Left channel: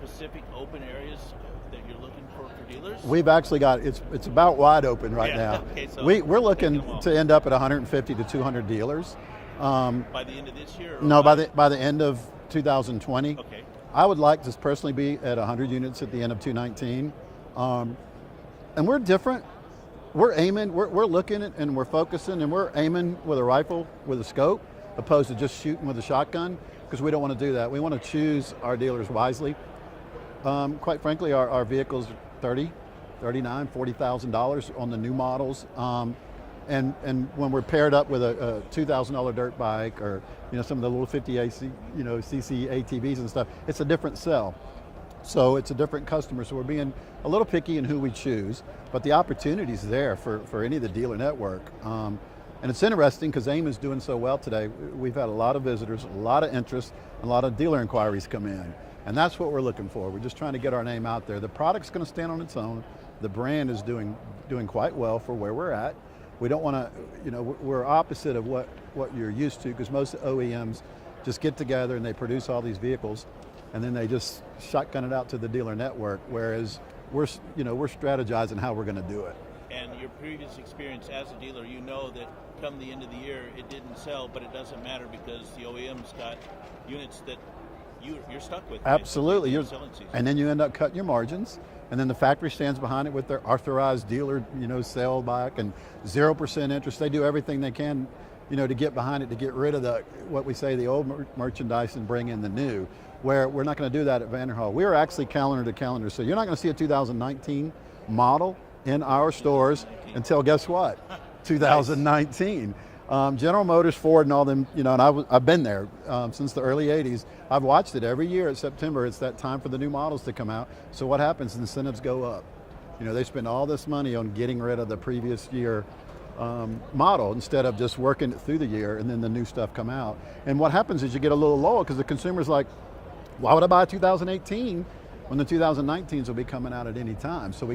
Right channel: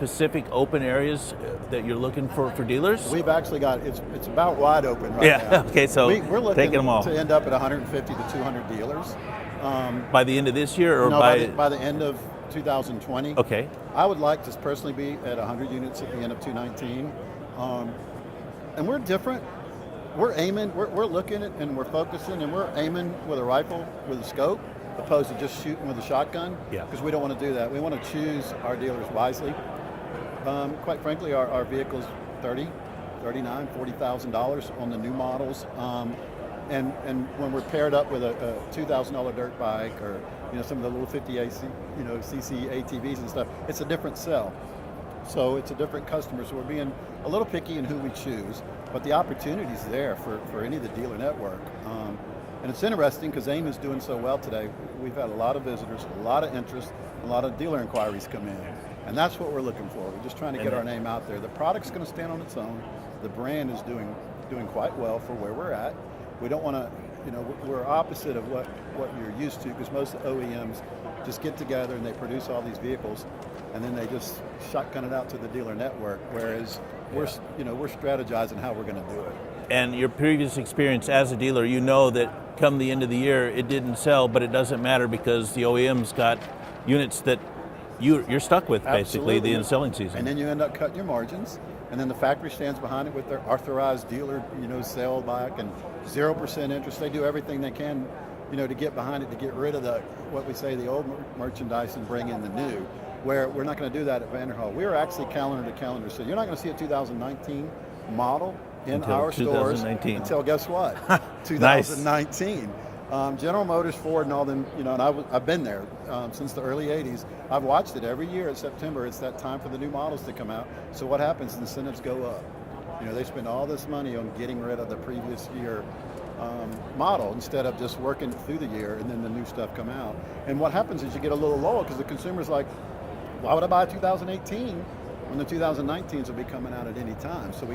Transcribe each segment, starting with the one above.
specific open areas that you're looking for dealers? We've actually got, it's about wide open right now. Okay, so we're looking taking them all. to end up at 150 to 200 dealers. By the end of this year? Or no, by the end of 2020. Okay. I would like to personally be at 100 units at the end of 2019. And we're different. We're aiming, we're looking at, and we're focusing, and we're aiming with a rifle, with a scope, opposed to just shooting with a shotgun. Yeah. Because we don't want to do that. We want to choose our dealers wisely. Quite frankly, our vehicles, $30,000, $39,000, $40,000 on the new models. And when we're paired up with a $2,000 dirt bike, or some of the little 50 AC, CC ATVs and stuff, it's a different sell. So it's a different customer. So we're being a little picky in who we choose, but the opportunity's there for any of the dealer network. And it's interesting because AIM is doing so well today. We've had a lot of visitors, a lot of interest, a lot of dealer inquiries come in. And that's what we're looking for. We're just trying to get our name out there. The product's going to stand on its own. The brand is doing quite well for where we're at. We don't want to, we're opposite of what you're used to, because most OEMs just get together and they produce all these vehicles, and then they just shotgun it out to the dealer network. Whereas we're strategizing how we're going to do it. And your previous experience as a dealer, that come the end of the year, it didn't sell, but it doesn't matter because the OEM's got units that you're stuck with, basically, the end of selling season. And then you end up cutting your margins, and then the factory stands behind it with their authorized dealer, sale back and 0% interest. They do everything they can, to get behind it, to get rid of what we say, the old merchandise, and bring in the new. Where we're not going to do that at Vanderhall. We are actually calendar to calendar, so you're not going to see a 2019 model in our stores until, guess what? 2019. General Motors, Ford, and all them, and I've been there since the early 80s. I've watched it every year at September. It's that time for the new models to come out. So what happens? Incentives go up. They spend all this money on getting rid of the previous year model instead of just working it through the year, and then the new stuff come out. And what happens is you get a little lower because the consumer's like, why would I buy a 2018 when the 2019s will be coming out at any time? So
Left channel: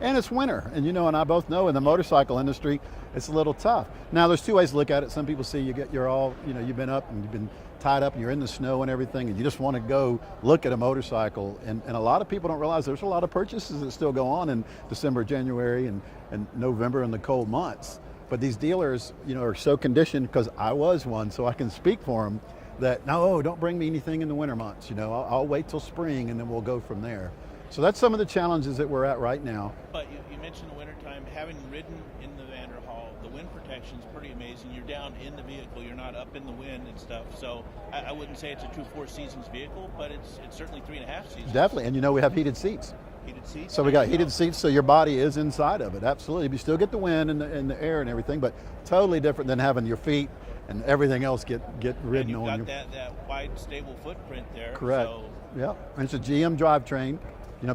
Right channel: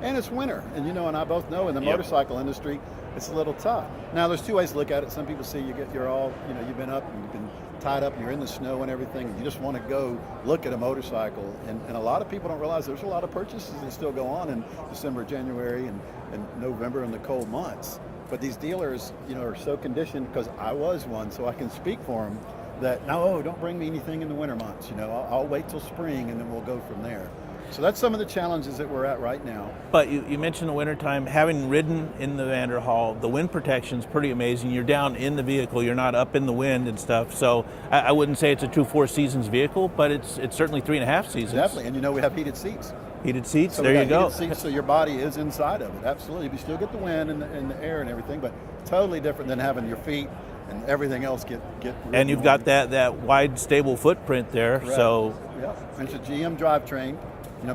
and it's winter, and and I both know in the motorcycle industry, it's a little tough. Now there's two ways to look at it. Some people see you're all, you've been up and you've been tied up, you're in the snow and everything, and you just want to go look at a motorcycle. And a lot of people don't realize there's a lot of purchases that still go on in December, January, and November in the cold months. But these dealers, are so conditioned, because I was one, so I can speak for them, that no, don't bring me anything in the winter months. I'll wait till spring, and then we'll go from there. So that's some of the challenges that we're at right now. But you mentioned the wintertime. Having ridden in the Vanderhall, the wind protection's pretty amazing. You're down in the vehicle, you're not up in the wind and stuff. So I wouldn't say it's a true 4 seasons vehicle, but it's certainly 3.5 seasons. Definitely, and we have heated seats. Heated seats, so there we you got go. Heated seats, so your body is inside of it, absolutely. You still get the wind and the air and everything, but totally different than having your feet and everything else get and you've got that wide, stable footprint there. Correct. So yeah, and it's a GM drivetrain.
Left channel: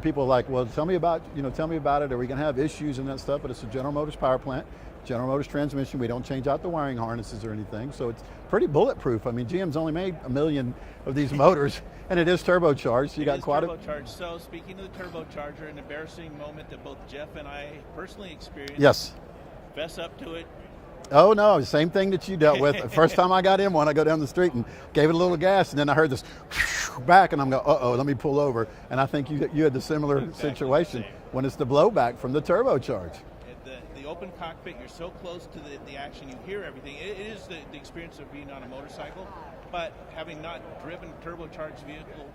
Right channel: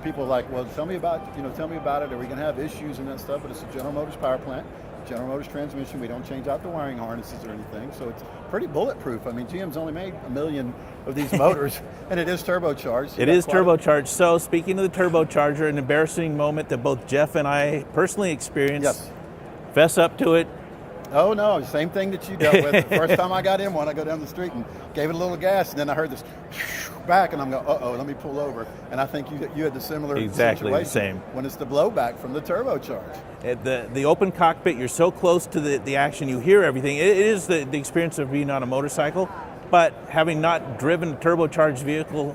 People are like, well, tell me about it. Are we going to have issues and that stuff? But it's a General Motors power plant, General Motors transmission. We don't change out the wiring harnesses or anything, so it's pretty bulletproof. I mean, GM's only made 1 million of these motors, and it is turbocharged. It is turbocharged. So speaking of the turbocharger, an embarrassing moment that both Jeff and I personally experienced. Yes. Fess up to it. Oh no, same thing that you dealt with. The first time I got in one, I go down the street and gave it a little gas, and then I heard this back, and I'm going, uh-oh, let me pull over. And I think you had the similar situation. Same. When it's the blowback from the turbocharge. At the open cockpit, you're so close to the action, you hear everything. It is the experience of being on a motorcycle, but having not driven a turbocharged vehicle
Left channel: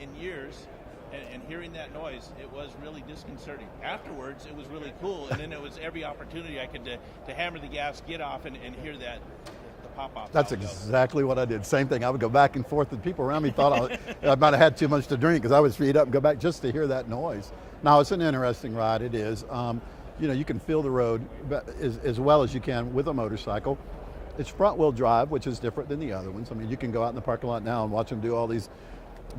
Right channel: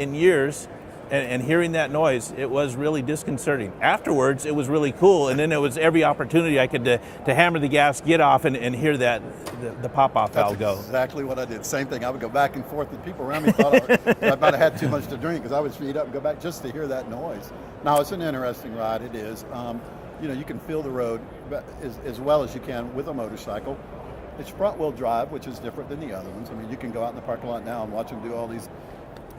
in years, and hearing that noise, it was really disconcerting. Afterwards, it was really cool, and then it was every opportunity I could to hammer the gas, get off, and hear the pop-off valve go. That's exactly what I did. Same thing. I would go back and forth, and people around me thought I might have had too much to drink, because I would speed up and go back just to hear that noise. Now, it's an interesting ride. It is. You can feel the road as well as you can with a motorcycle. It's front-wheel drive, which is different than the other ones. I mean, you can go out in the parking lot now and watch them do all these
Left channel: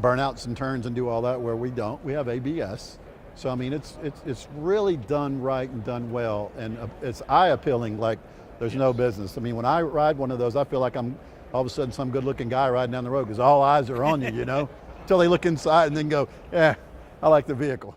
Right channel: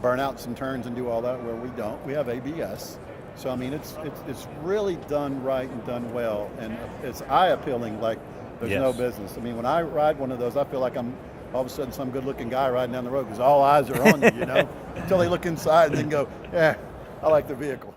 burnouts and turns and do all that, where we don't. We have ABS. So I mean, it's really done right and done well, and it's eye-appealing like there's no business. I mean, when I ride one of those, I feel like I'm all of a sudden some good-looking guy riding down the road, because all eyes are on you, until they look inside and then go, I like the vehicle.